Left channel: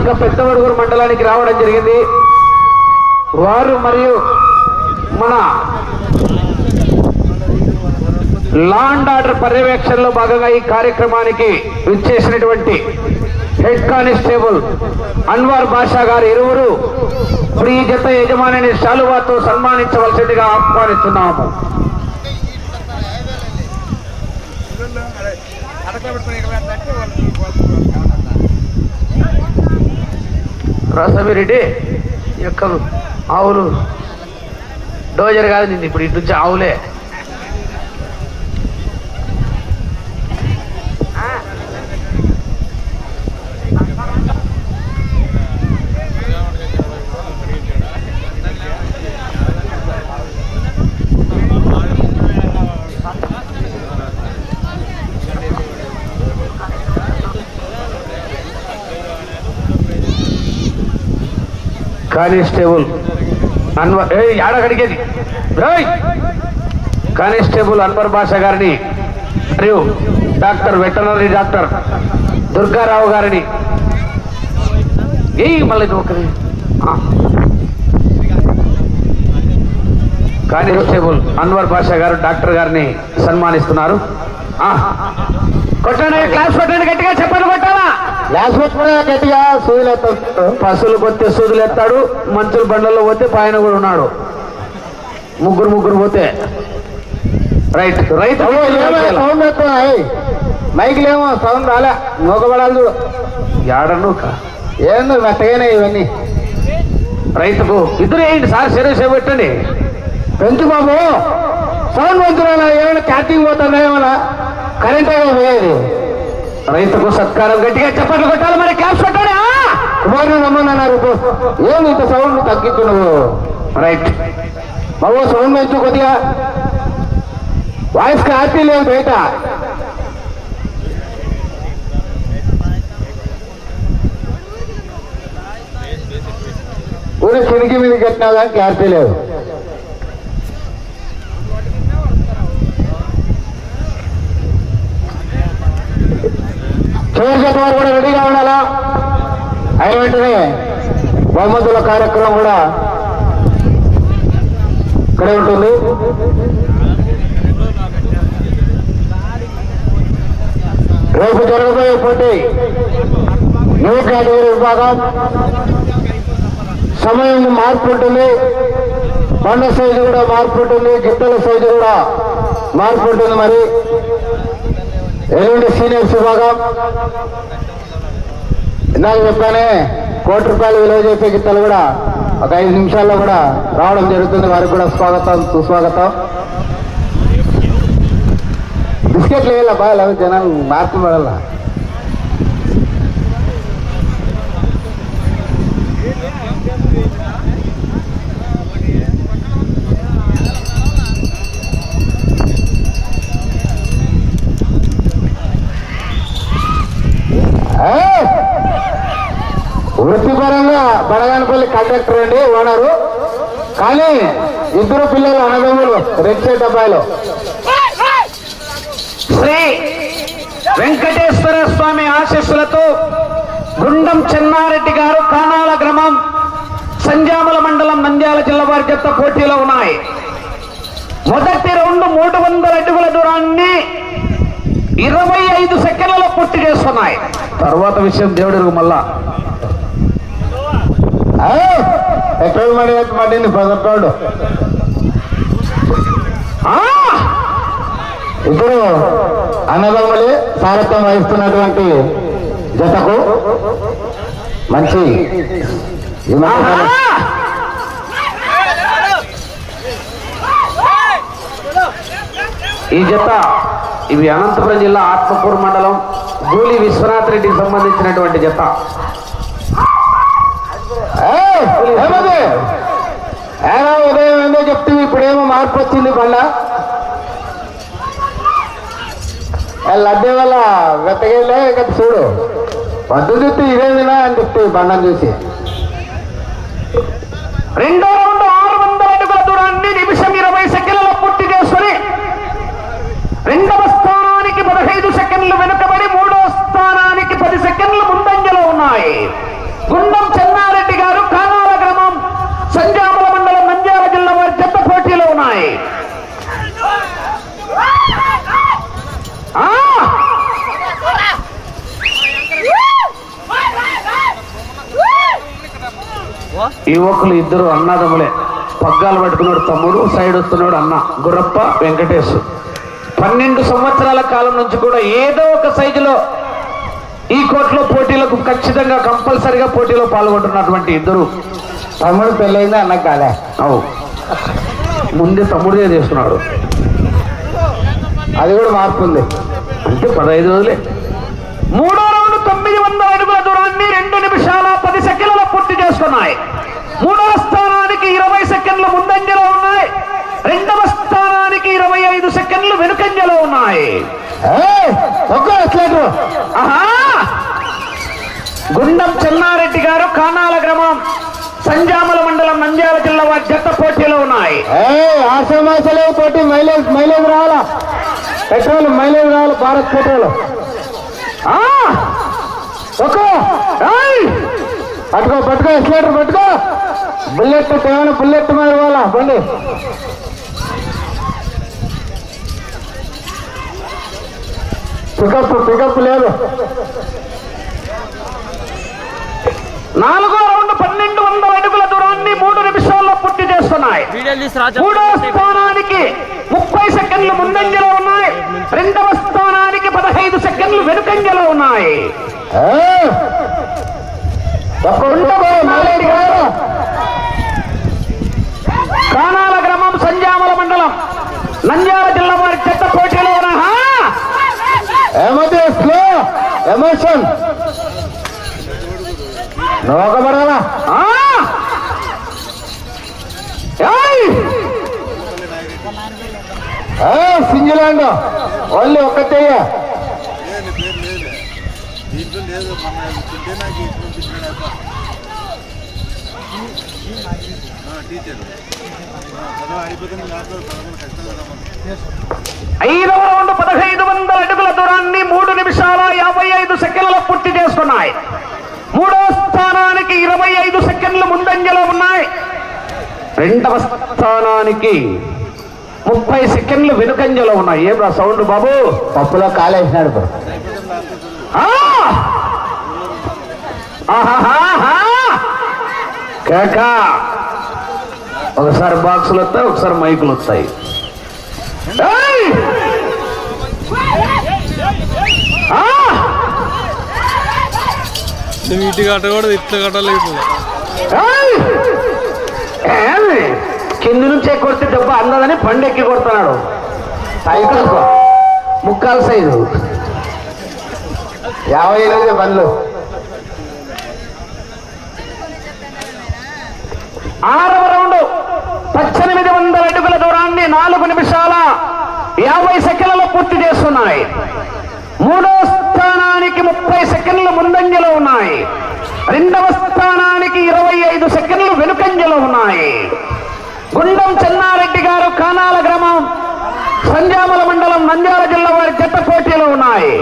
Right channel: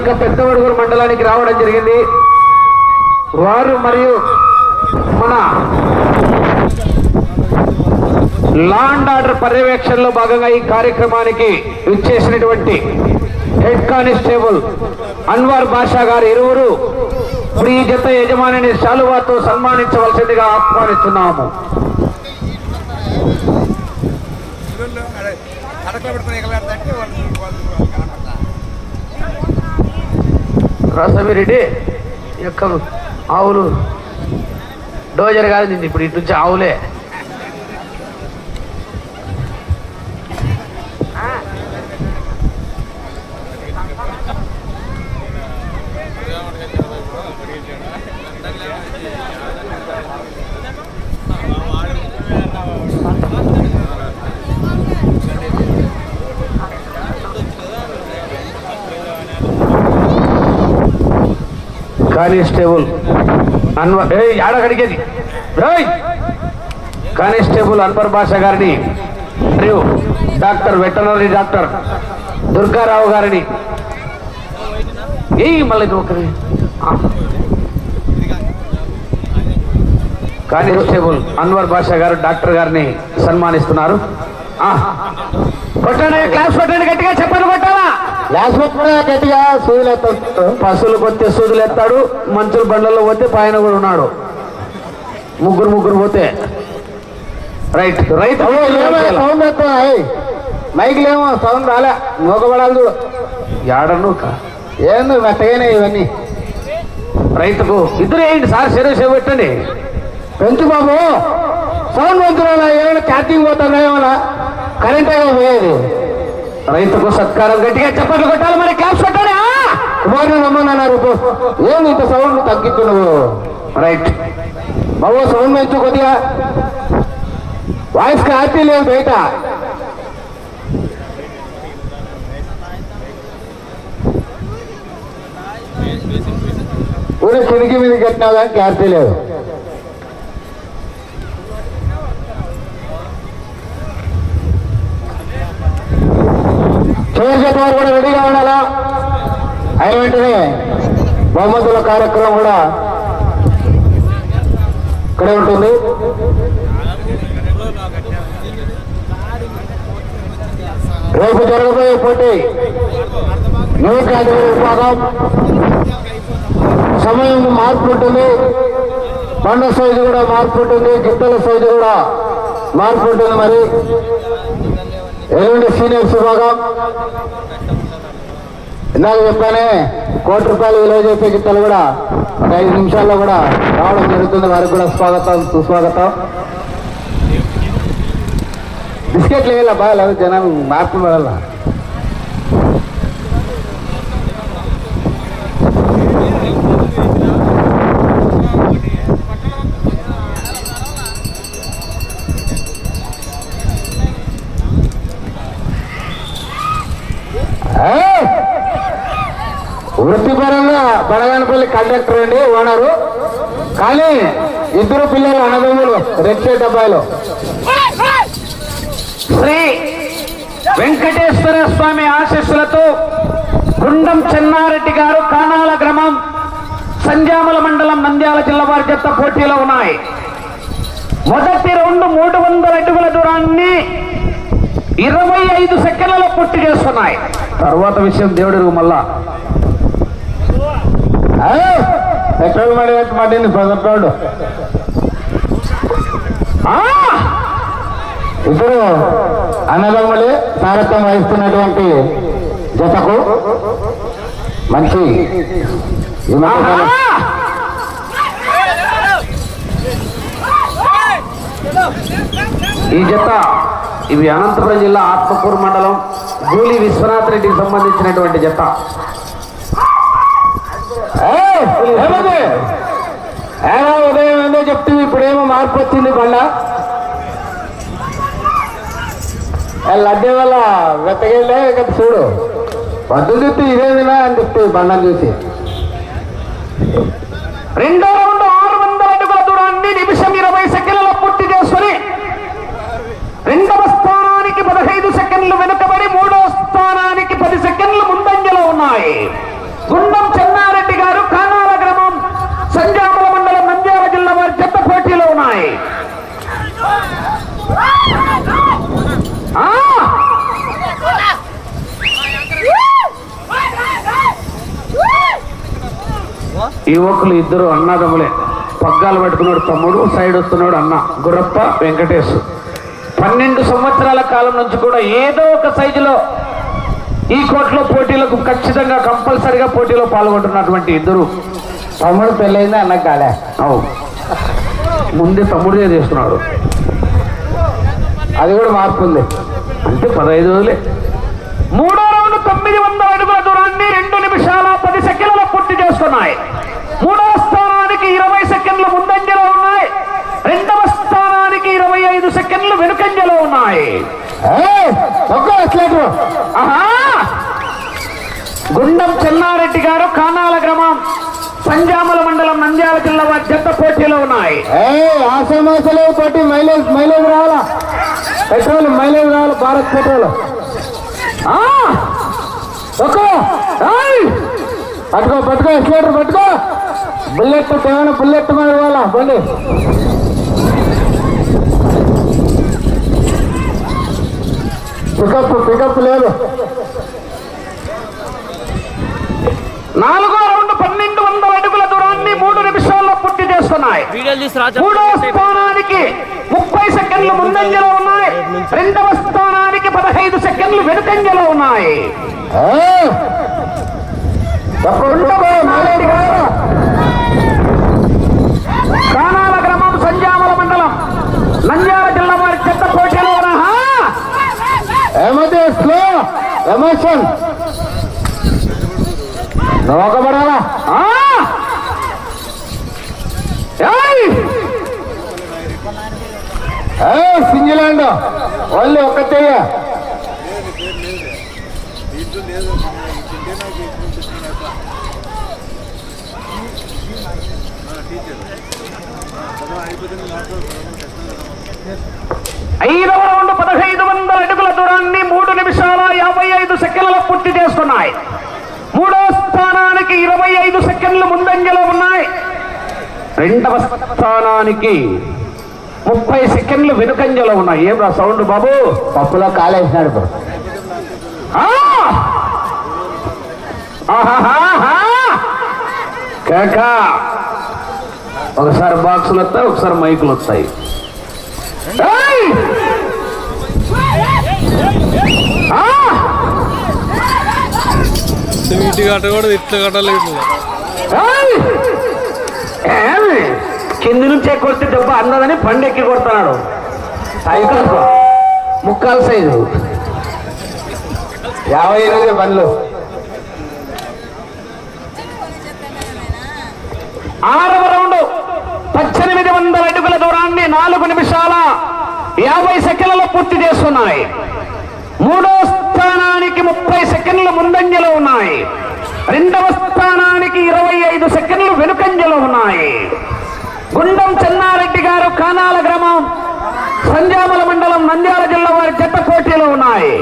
యొక్క పెద్దవడుగురు మండలానికి రావడం జరిగింది వారు మరియు మన లా అండ్ ఆర్డర్ పర్యవేక్షణలో భాగంగా ఈ కార్యక్రమానికి ఇచ్చేసినటువంటి హెడ్ కానిస్టేబుల్ అన్వార్ బాషా గారు ఇరువురు ఇప్పుడు ఈ జత యజమానిని శాలువాతో సన్మానించవలసిందిగా ఆహ్వానిస్తున్నాము రసమిరెడ్డి యొక్క ఆవులు. డోజర్ కాదు ఇప్పుడు ఇటు ఆవులే. కానిస్టేబుల్ అన్వర్ ఏ ఆడ కానిస్టేబుల్ అన్వర్ బాషా గారిని మరియు డాక్టర్ వెటనరీ డాక్టర్ దుర్గారావు గారిని. ఏ మళ్ళీ ఒకరి కానిస్టేబుల్ అన్వర్ బాషా గారు డాక్టర్ గారిని సన్మానిస్తున్నారు. కొట్టండి క్లాస్ కొట్టండి గట్టిగా చెప్పండి కొట్టాలా? క్లాస్ పెట్టుకునే గట్టిగా సూదులు ఎత్తాడు పశువులు కొత్తే సూదులు ఎత్తాడు. మంచుల బండల్లో పోతే పైన కూడా ఉన్నాడు. ముగ్గురు ముగ్గురు పోతే. రైట్ రైట్ సౌండ్ మైక్లేమో సౌండ్ రాలే. నూకబడాలి చూడు. ఏడను ఏందో మెత్తగానే ఇవన్నీ? రైతుకు ఇద్దరు ఏంటి సార్? సీరియస్ పెట్టండి. పెంచు బాబు. సౌండ్ పెంచుకోవాలా ఏమైనా క్యాటింగ్ పోతుందా ఏమైనా? కరెంట్ పోయేది? రైతుకు సత్కారం గట్టిగా చెప్పట్లు కొట్టాలి మరి క్యాష్ కొట్టారా కుమారుని రమ్మన్నారు ఏమి ఇంత సౌండ్ తగ్గించు నువ్వు? రైట్. బాబు సౌండ్ పెంచు కొద్దిగా. వాయిస్ క్లారిటీ లేదు బయట. ఊరి కిడికి మీద కట్టినా కానీ క్లారిటీ లేదు. చివరి జత కూడా రెడీగా ఉండాలా అయిన వెంటనే బహుమతుల కార్యక్రమం కూడా ఇక్కడే ఉంటుంది. రేపు జరగబోయే పోటీ న్యూ కేటగిరీ విభాగం. సమయం మార్పు ఉంటుంది. బండ సైజు కూడా మార్పు ఉంటుంది. గిట్టల సైజు కూడా మార్పు ఉంటుంది మరి. ఎల్లుండి సీనియర్స్ విభాగం ఇందాక చెప్పానే కోటి రూపాయలు విలువ చేసే గిత్తలు కూడా ఒక ఐదు నిమిషాల్లో కూడా రావడం జరుగుతుంది. వారికి కూడా స్వాగతం సుస్వాగతం. బిస్కెట్లు వేయాల బాగా? జనాలు మార్పు పడాల బడగానపల్లి కండక్టర్ అండి ఓనరు. కానీ ఇద్దరు పిల్లలు అన్నదమ్ములు రెడ్ షర్ట్ అబ్బాయిలు. శ్రీ వెంకటేశ్వర స్వామి ఆశీస్సులతో గుండం చెన్నారెడ్డి గారు కానాల గ్రామం సంజామల మండలం నంద్యాల జిల్లా వారి జత పోటీలో ఉన్నాయి. మొదటి రౌండ్ మూడు వందల అడుగుల దూరాన్ని ఇరవై ఐదు సెకండ్లలో పూర్తి చేస్తున్నాయి. తర్వాత విషయం దేవుడు మళ్ళా. ఎక్కడ మరి మళ్ళీ పదకొండు ఇప్పుడు ఇద్దరు సారథ్యం వహిస్తున్నటువంటి జతకు మంచి ఈ ఈ జత ఇవి అనంతపురం జిల్లా ఆత్మకూరు మండలం గూలి విశ్వనాథ్ రెడ్డికి సంబంధించినటువంటి జత. ఏమో ఉదయం ఏందో చెప్తే ఇప్పుడేమో మార్పు వచ్చింది బండ లడ్డే వల్ల వెతకెళ్ళే ఇక చూడు. వద్దు చెప్తే ఇదేమినా అని చెప్తే బండం చూసి. రెండో రౌండ్ ఆరు వందల అడుగుల దూరాన్ని నిమిషం ఇరవై సెకండ్లలో పూర్తి చేసుకుని రెండవ స్థానానికి పదహైదు సెకండ్లు వెనుకబడి మూడో స్థానానికి పది సెకండ్లు ముందంజలో ఉన్నాయి. గుండం చెన్నారెడ్డి గారు కానాల గ్రామం సంజామల మండలం నంద్యాల జిల్లా వారి జత పోటీలో ఉన్నాయి ఆ! ఈ యువకులు ఇద్దరు అన్నదమ్ములే. పగ్గాలు పెట్టుకున్నాడు తమ్ముడు సైడ్ వస్తున్నాడు అన్న. గురప్ప వెంకటేష్ పన్నెండు సంవత్సరాల కాలం నుంచి కూడా ఏదో ఒక సైజులో ఈ కోట్లో పోటీలకు ఖచ్చితంగా కంపల్సరిగా పోటీలో పాల్గొంటున్నటువంటి ఇద్దరు. తమ్ముడు పెళ్ళైంది అన్న కాలే. అవు. ముందే తమ్ముడే చేస్తున్నాడు. అది కూడా మార్పు ఉంది. అంటే పదహైదు రోజులే. మూడో రౌండ్ తొమ్మిది వందల అడుగుల దూరాన్ని రెండు నిమిషాల పది సెకండ్ల పూర్తి చేస్తున్నాయి మూడవ స్థానానికి ఇరవై సెకండ్లు ముందంజలో ఉన్నాయి. రెండవ స్థానానికి ఇరవై ఐదు సెకండ్లు వెనుకంజలో ఉన్నాయి! గుండం చెన్నారెడ్డి గారు కానాల గ్రామం సంజామల మండలం నంద్యాల జిల్లా వారి జత పోటీలో ఉన్నాయి. కొట్టి మైలేజ్ మైలేజ్ రావాలా? పెట్రోల్ మైలేజ్ రావాలి భారత్ పెట్రోల్. పట్టుకో పట్టుకో ఎక్సలేటర్ పట్టుకో. బుల్లెట్ ఏమైనా బుల్లెట్ మీద ఇవ్వాలా? బండి. పికప్ పికప్ లేదు. నాలుగో రౌండ్ పన్నెండు వందల అడుగుల దూరాన్ని మూడు నిమిషాల్లో పూర్తి చేస్తున్నాయి. మూడో స్థానానికి ముప్పై సెకండ్లు ముందంజలో ఉన్నాయి. రెండవ స్థానానికి పదహైదు సెకండ్లు వెనుకంజలో ఉన్నాయి ఏయ్, ఒక్క ఉండవే, మైలేజ్ రావాలా కానాల గ్రామం సంజామల మండలం. నంద్యాల జిల్లా వారి చెత్త పోటీలో ఎమోషన్. సింగిలాండ్ ఓన్లీ ఒక్కతేయ ఐదవ రౌండ్ పదహైదు వందల అడుగుల దూరాన్ని మూడు నిమిషాల యాభై ఐదు సెకండ్ల పూర్తి చేస్తున్నాయి. మూడో స్థానానికి ఇరవై ఐదు సెకండ్లు ముందంజలో ఉన్నాయి. రెండవ స్థానానికి ముప్పై సెకండ్లు వెనుకంజలో ఉన్నాయి. ఏం సౌండ్ బాబు? పప్పులో కాలేసినాడు! ఆహాహాహా! కేక! ఒకసారి బాక్సులు వస్తాయి ఒకసారి మైకులు వస్తాయి! ఇటు కట్టకూడదు ఇట్లా కట్టాలి ఇట్లా? కింది నుంచే కొడితే దెబ్బ అందదని పండెక్కి కొడుతున్నాడు. సైకిల్ ముక్కాలు సైజు యాభై ఎనిమిది బండ్లు. పద్దెనిమిది వందల అడుగుల దూరాన్ని నాలుగు నిమిషాల యాభై సెకండ్లలో పూర్తి చేస్తున్నాయి. మూడో స్థానానికి ముప్పై సెకండ్లు ముందంజలో ఉన్నాయి. రెండవ స్థానానికి ఇరవై ఐదు సెకండ్లు వెనుకంజలో ఉన్నాయి. గుండం చెన్నారెడ్డి గారు కానాల గ్రామం సంజామల మండలం నంద్యాల జిల్లా వారి జట్ట పోటీలో ఉన్నాయి.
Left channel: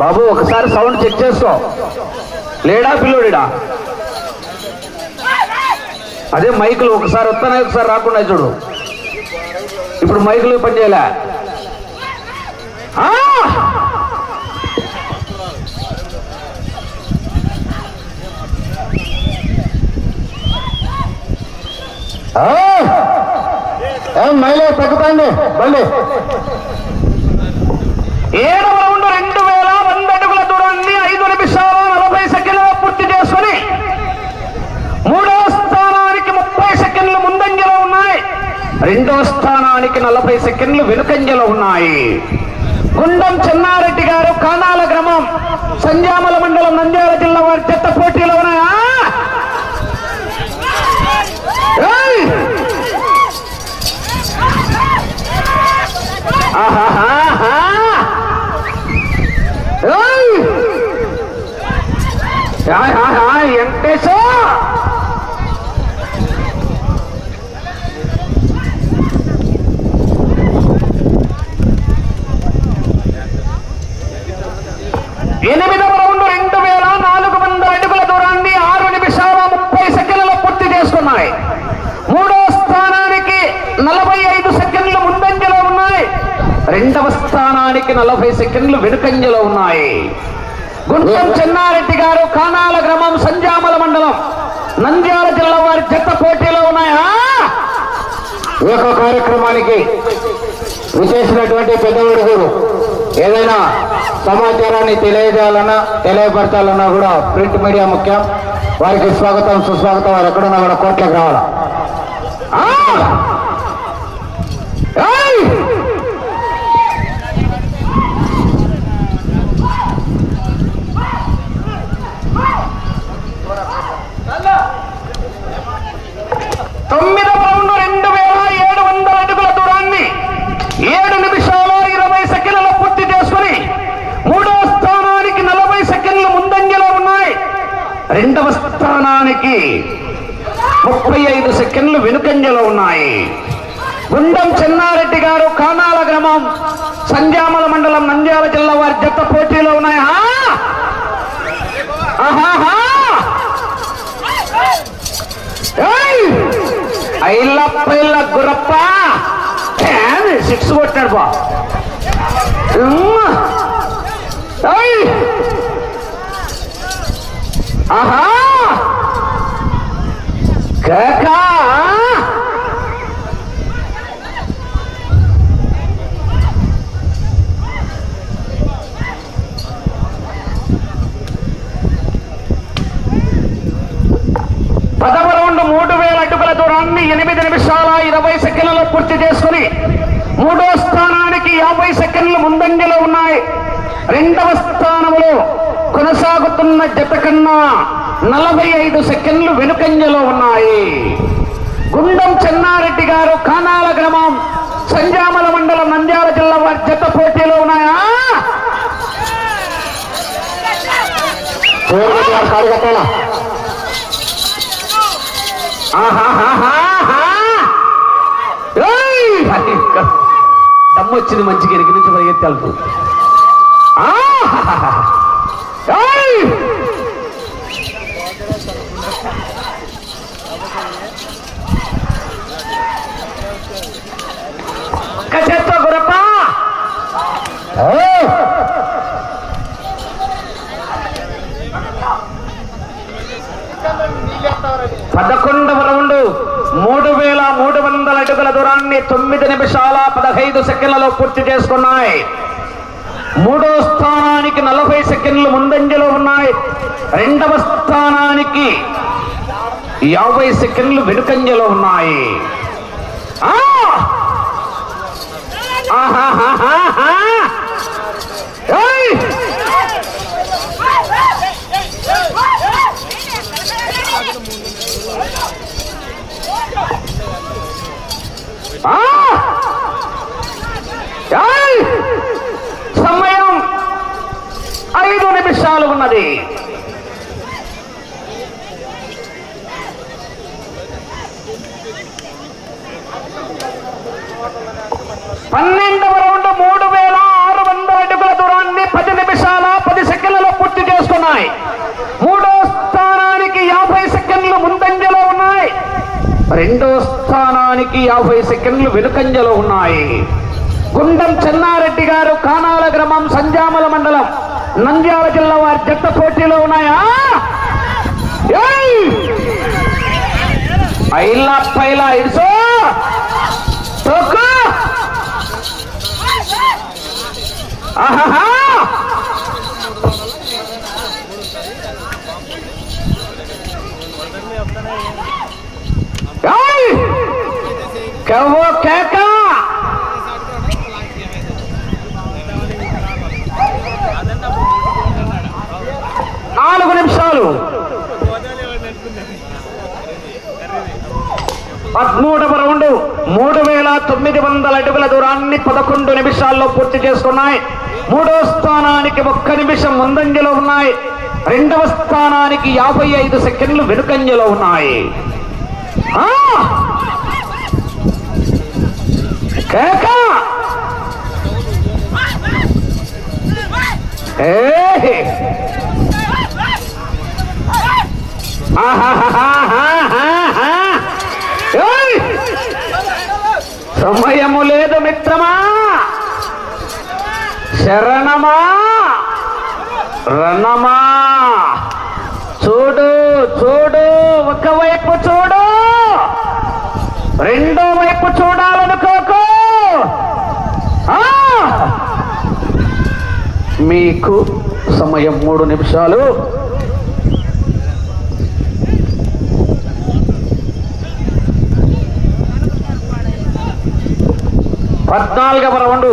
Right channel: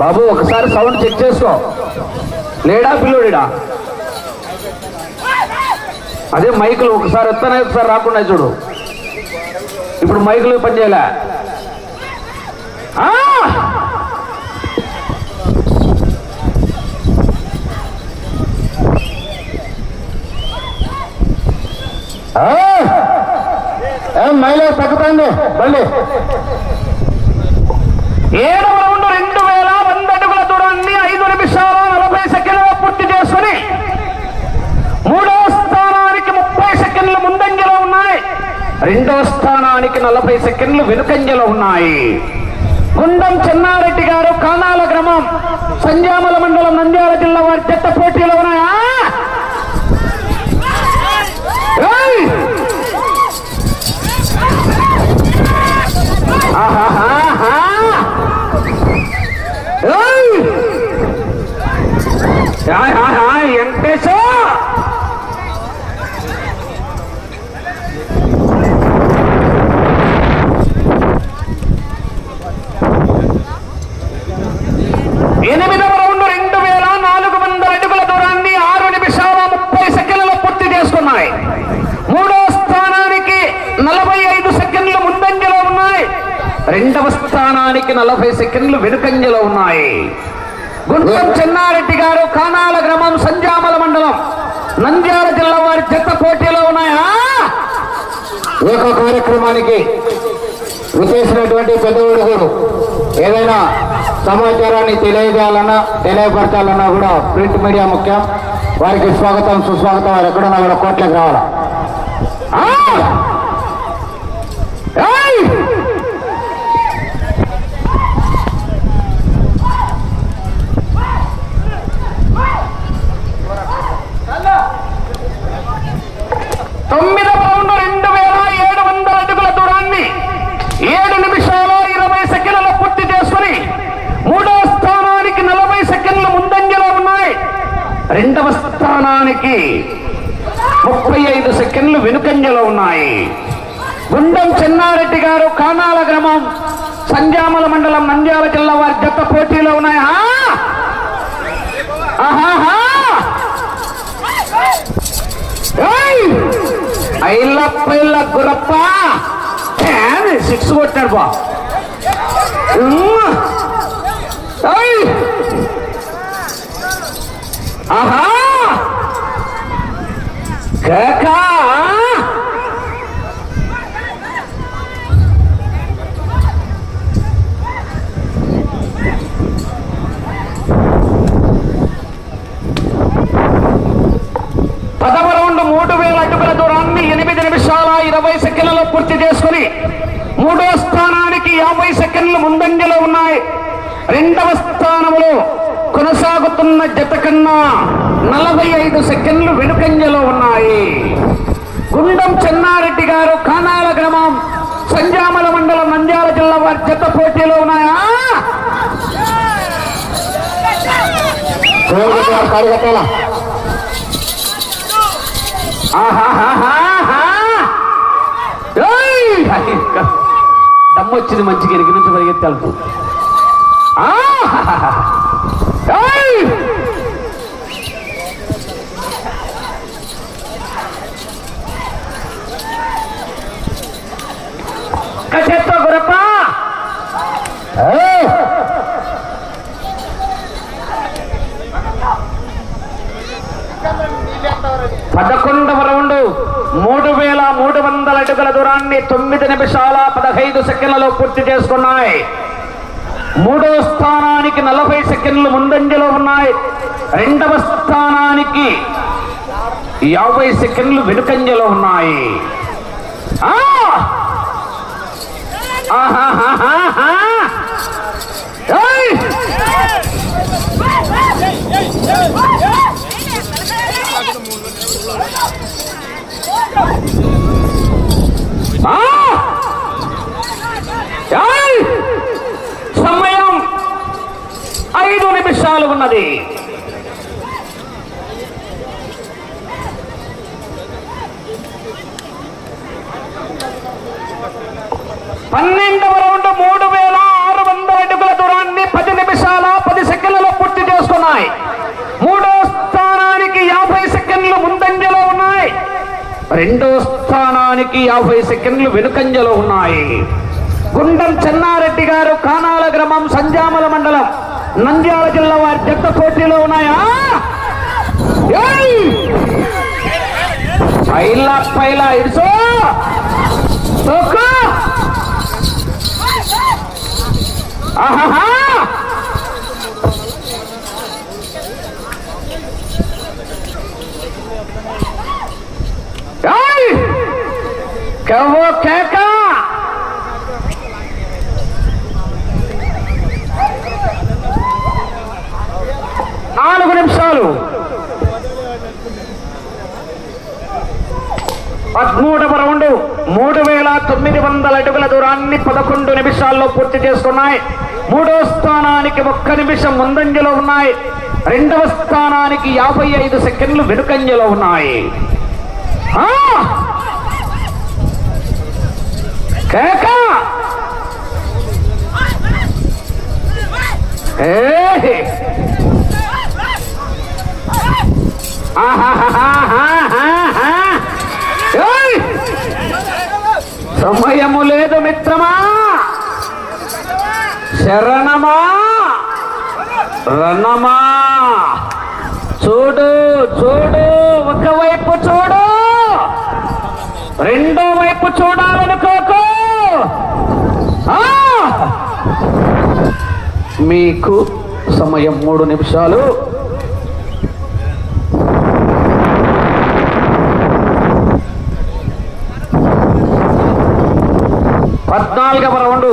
బాబు ఒకసారి సౌండ్ చెక్ చేసుకో లేడా పిల్లోడిడా? అదే మైకులు ఒకసారి వస్తానే ఒకసారి రాకుండా చూడు. ఇప్పుడు మైకులు పనిచేయలే మైలేజ్ తగ్గుతుంది? బండి. ఏడవ రౌండ్ రెండు వేల వంద అడుగుల దూరాన్ని ఐదు నిమిషాల నలభై సెకండ్ల పూర్తి చేసుకుని మూడవ స్థానానికి ముప్పై సెకండ్లు ముందంజలో ఉన్నాయి రెండో స్థానానికి నలభై సెకండ్లు వెనుకంజలో ఉన్నాయి. గుండం చెన్నారెడ్డి గారు కానాల గ్రామం సంజామల మండలం నంద్యాల జిల్లా వారి చెత్త పోటీలో ఉన్నాయా ఏయ్! ఆహాహాహా! ఏయ్! ఆహాహా, వెంకటేశు! ఎనిమిదవ రౌండ్ రెండు వేల నాలుగు వందల అడుగుల రెండవ స్థానానికి నలభై సెకండ్లు వెనుకంజలో ఉన్నాయి. గుండం చెన్నారెడ్డి గారు కానాల గ్రామం సంజామల మండలం. నంద్యాల జిల్లా వారి జత పోటీలో ఉన్నాయా? యొక్క కార్యక్రమానికి విచేసినటువంటి పెద్దవాడికి ఏదైనా సమాచారాన్ని తెలియజేయాలన్నా తెలియపరచాలన్నా కూడా ప్రింట్ మీడియా ముఖ్యం. వారికి స్వాగతం సుస్వాగతం. వారు ఎక్కడున్నా కూడా కోట్లకు రావాలా ఏయ్! తొమ్మిదవ రౌండ్ రెండు వేల ఏడు వందల అడుగుల దూరాన్ని ఏడు నిమిషాల ఇరవై సెకండ్లలో పూర్తి చేసుకుని మూడో స్థానానికి నలభై సెకండ్లు ముందంజలో ఉన్నాయి రెండవ స్థానానికి ముప్పై ఐదు సంఖ్యలో ఉన్నాయి. గుండం చెన్నారెడ్డి గారు కానాల గ్రామం సంజామల మండలం నంద్యాల జిల్లా వారి జత పోటీలో ఉన్నాయా. ఆహాహా! ఏయ్! గురప్ప! సిక్స్ కొట్టాడు బా. ఉమ్మ! ఆహా! కాకా! పదవ మూడు వేల అడుగుల దూరాన్ని ఎనిమిది నిమిషాల ఇరవై సెకండ్లలో పూర్తి చేసుకుని మూడో స్థానానికి యాభై సెకండ్లు ముందంజలో ఉన్నాయి. రెండవ స్థానంలో కొనసాగుతున్న జత కన్నా నలభై ఐదు సెకండ్లు వెనుకంజలో ఉన్నాయి. గుండం చెన్నారెడ్డి గారు కానాల గ్రామం సంజామల మండలం నంద్యాల జిల్లా వారి జత పోటీలో ఉన్నాయా? కార్యకర్తల దమ్ము వచ్చింది మంచిగా ఎరికి నుంచి పరిగెత్తి వెళ్తూ కసెత్తో గురప్ప పదకొండవ రౌండ్. మూడు వేల మూడు వందల అడుగుల దూరాన్ని తొమ్మిది నిమిషాల పదహైదు సెకండ్లలో పూర్తి చేసుకున్నాయి. మూడో స్థానానికి నలభై సెకండ్లు ముందంజలో ఉన్నాయి. రెండవ స్థానానికి యాభై సెకండ్లు వెనుకంజలో ఉన్నాయి. ఉన్నది పన్నెండవ రౌండ్ మూడు వేల ఆరు వందల అడుగుల దూరాన్ని పది నిమిషాల పది సెకండ్లలో పూర్తి చేసుకున్నాయి. మూడో స్థానానికి యాభై సెకండ్లు ముందంజలో ఉన్నాయి. రెండో స్థానానికి యాభై సెకండ్లు వెనుకంజలో ఉన్నాయి. గుండం చెన్నారెడ్డి గారు కానాల గ్రామం సంజామల మండలం. నంద్యాల జిల్లా వారి జట్ట పోటీలో ఉన్నాయా? పైలా పైలా ఇడిసే తొక్కు కేక నాలుగు నిమిషాలు. పదమూడవ రౌండ్ మూడు వేల తొమ్మిది వందల అడుగుల దూరాన్ని పదకొండు నిమిషాల్లో పూర్తి చేసుకున్నాయి. మూడో స్థానానికి ఒక్క నిమిషం ముందంజలో ఉన్నాయి. రెండవ స్థానానికి యాభై ఐదు సెకండ్లు వెనుకంజలో ఉన్నాయి. ఆ! సమయము లేదు మిత్రమా! శరణమా! రణమా! చూడు చూడు ఒకవైపు చూడు! రెండో వైపు చూడాలనుకోకు! మీకు సమయం మూడు నిమిషాలు. పద్నాలుగవ రౌండు.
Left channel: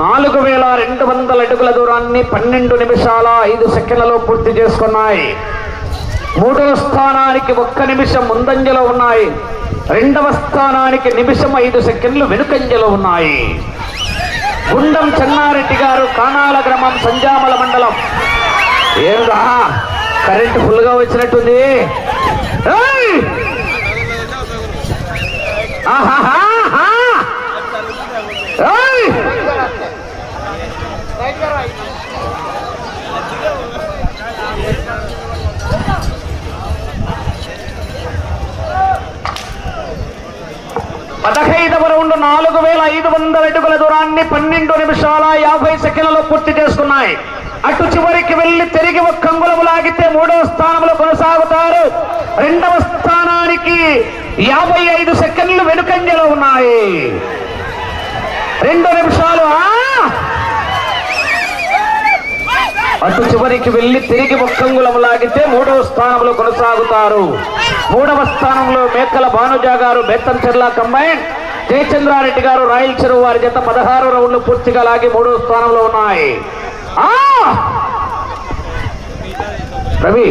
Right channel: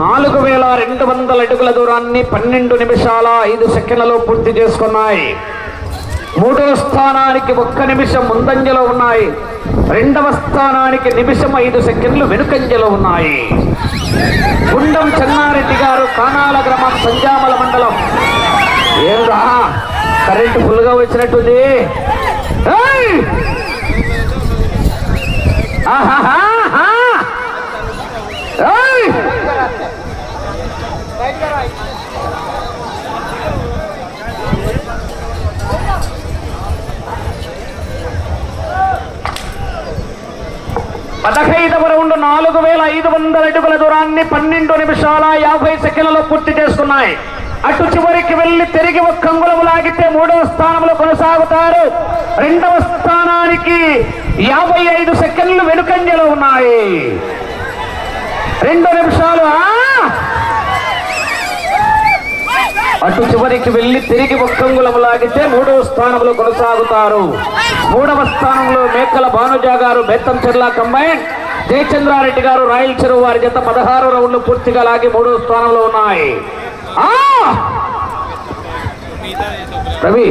నాలుగు వేల రెండు వందల అడుగుల దూరాన్ని పన్నెండు నిమిషాల ఐదు సెకండ్లలో పూర్తి చేసుకున్నాయి. మూడవ స్థానానికి ఒక్క నిమిషం ముందంజలో ఉన్నాయి. రెండవ స్థానానికి నిమిషం ఐదు సెకండ్లు వెనుకంజలో ఉన్నాయి. గుండం చెన్నారెడ్డి గారు కానాల గ్రామం సంజామల మండలం. ఏంటా కరెంటు ఫుల్గా వచ్చినట్టుంది. రౌండ్ నాలుగు వేల ఐదు వందల అడుగుల దూరాన్ని పన్నెండు నిమిషాల యాభై సెకండ్లలో పూర్తి చేసుకున్నాయి అటు చివరికి వెళ్ళి తిరిగి ఒక అంగుళం లాగితే మూడవ స్థానంలో కొనసాగుతారు. రెండవ స్థానానికి యాభై ఐదు సెకండ్లు వెనుకంజలో ఉన్నాయి. రెండు నిమిషాలు అటు చివరికి వెళ్ళి తిరిగి ఒక్కంగులం లాగితే మూడవ స్థానంలో కొనసాగుతారు. మూడవ స్థానంలో మేకల భానుజా గారు బెత్తంచెర్ల కంబైన్ జయచంద్రారెడ్డి గారు రాయల్ చెరువు వారి జత పదహారు రౌండ్లు పూర్తిగా లాగి మూడో స్థానంలో ఉన్నాయి. రవి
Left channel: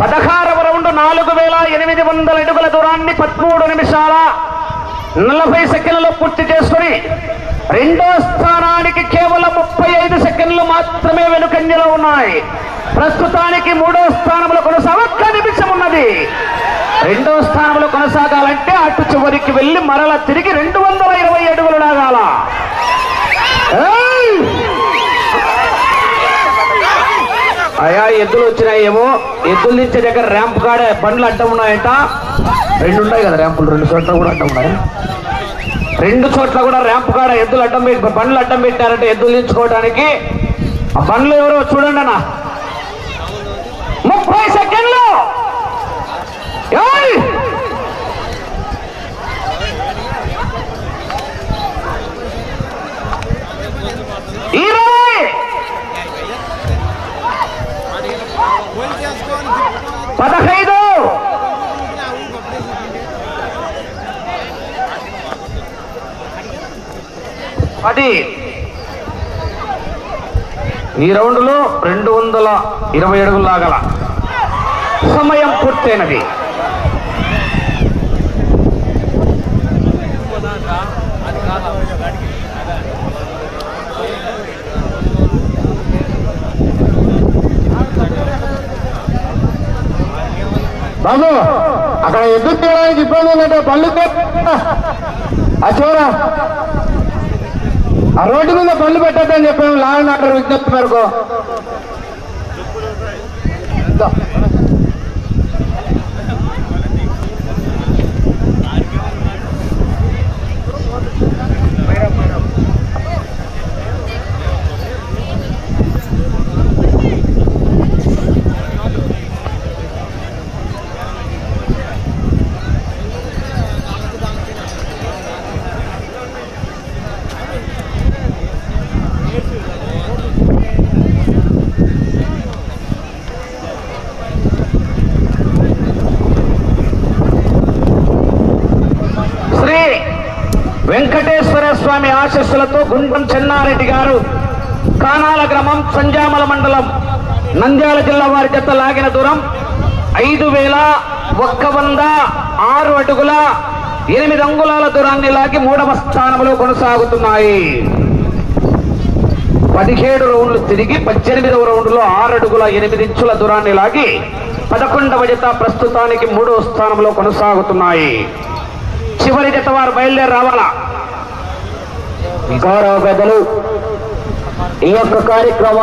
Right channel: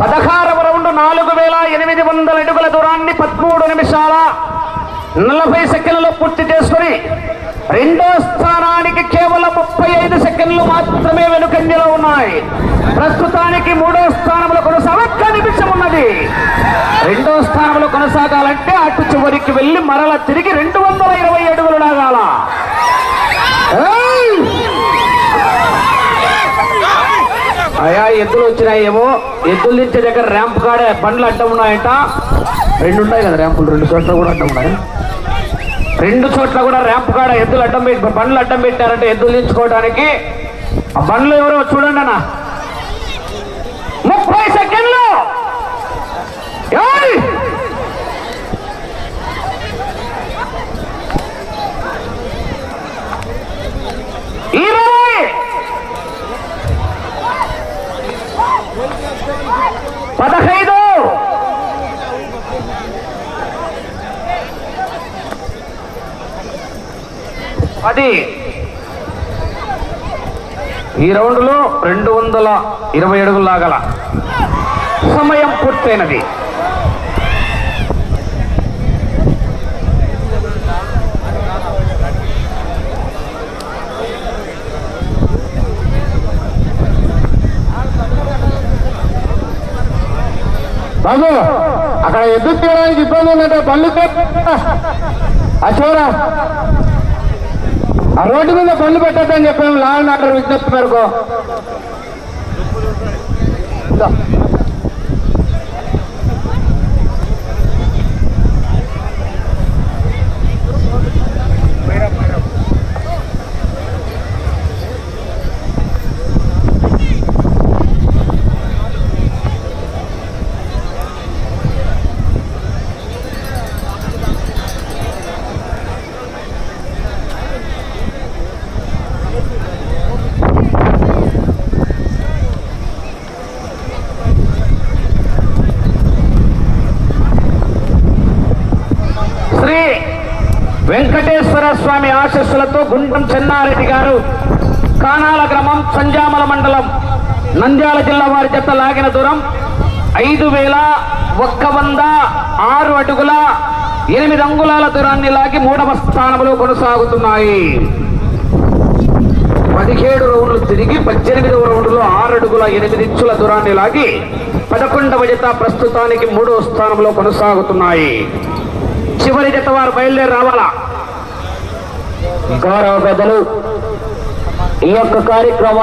పదహారవ రౌండ్ నాలుగు వేల ఎనిమిది వందల అడుగుల దూరాన్ని పదమూడు నిమిషాల నలభై సెకండ్లలో పూర్తి చేసుకుని రెండో స్థానానికి కేవలం ముప్పై ఐదు సెకండ్లు మాత్రమే వెనుకంజలో ఉన్నాయి ప్రస్తుతానికి మూడో స్థానంలో కొనసాగ ఒక్క నిమిషం ఉన్నది రెండో స్థానంలో కొనసాగాలంటే అటు చివరికి వెళ్ళి మరల తిరిగి రెండు వందల ఇరవై అడుగులు లాగాల. అయా ఎద్దులు వచ్చినాయేమో? ఎద్దులు దించే దగ్గర ర్యాంప్ కాడ బండ్లు అడ్డం ఉన్నాయట. రెండు ఉన్నాయి కదా ర్యాంపులు రెండు చోట్ల కూడా అడ్డం ఉన్నాయి? రెండు చోట్ల కూడా ర్యాంప్ కాడ ఎద్దులు అడ్డం పెట్టి బండ్లు అడ్డం పెట్టారంటే ఎద్దులు దించుకోవడానికి ఆ బండ్లు ఎవరో చూడండి అన్న. ముప్పై సెకండ్లు. ఇరవై. పదహైదు. పది. ఈ రౌండ్లో రెండు వందల ఇరవై అడుగులు లాగల సమయం పూర్తయినది బాబు అక్కడ ఎద్దు తీయడానికి ఇబ్బంది ఉందంటే పళ్ళు అచ్చారా ఆ రోడ్డు మీద పళ్ళు పెట్టద్దని చెప్పాము లా అండ్ ఆర్డర్ విజ్ఞప్తి మేరకు శ్రీ వెంకటేశ్వర స్వామి ఆశస్సులతో గుండం చెన్నారెడ్డి గారు కానాల గ్రామం సంజామల మండలం నంద్యాల జిల్లా వారి జత లాగిన దూరం ఐదు వేల ఒక్క వంద ఆరు అడుగుల ఎనిమిది అంగుళాల దూరాన్ని లాగి మూడవ స్థానంలో కొనసాగుతున్నాయి. పదిహేడు రౌండ్లు తిరిగి పద్దెనిమిదవ రౌండ్లో ఆరు అడుగుల ఎనిమిది ఇంచుల దూరాన్ని లాగి పదకొండవ జత ప్రస్తుతానికి మూడవ స్థానంలో కొనసాగుతున్నాయి. చివరి జత వారు బయలుదేరి రావాలా? గౌరవ పెద్దలు ఈ యొక్క కార్యక్రమం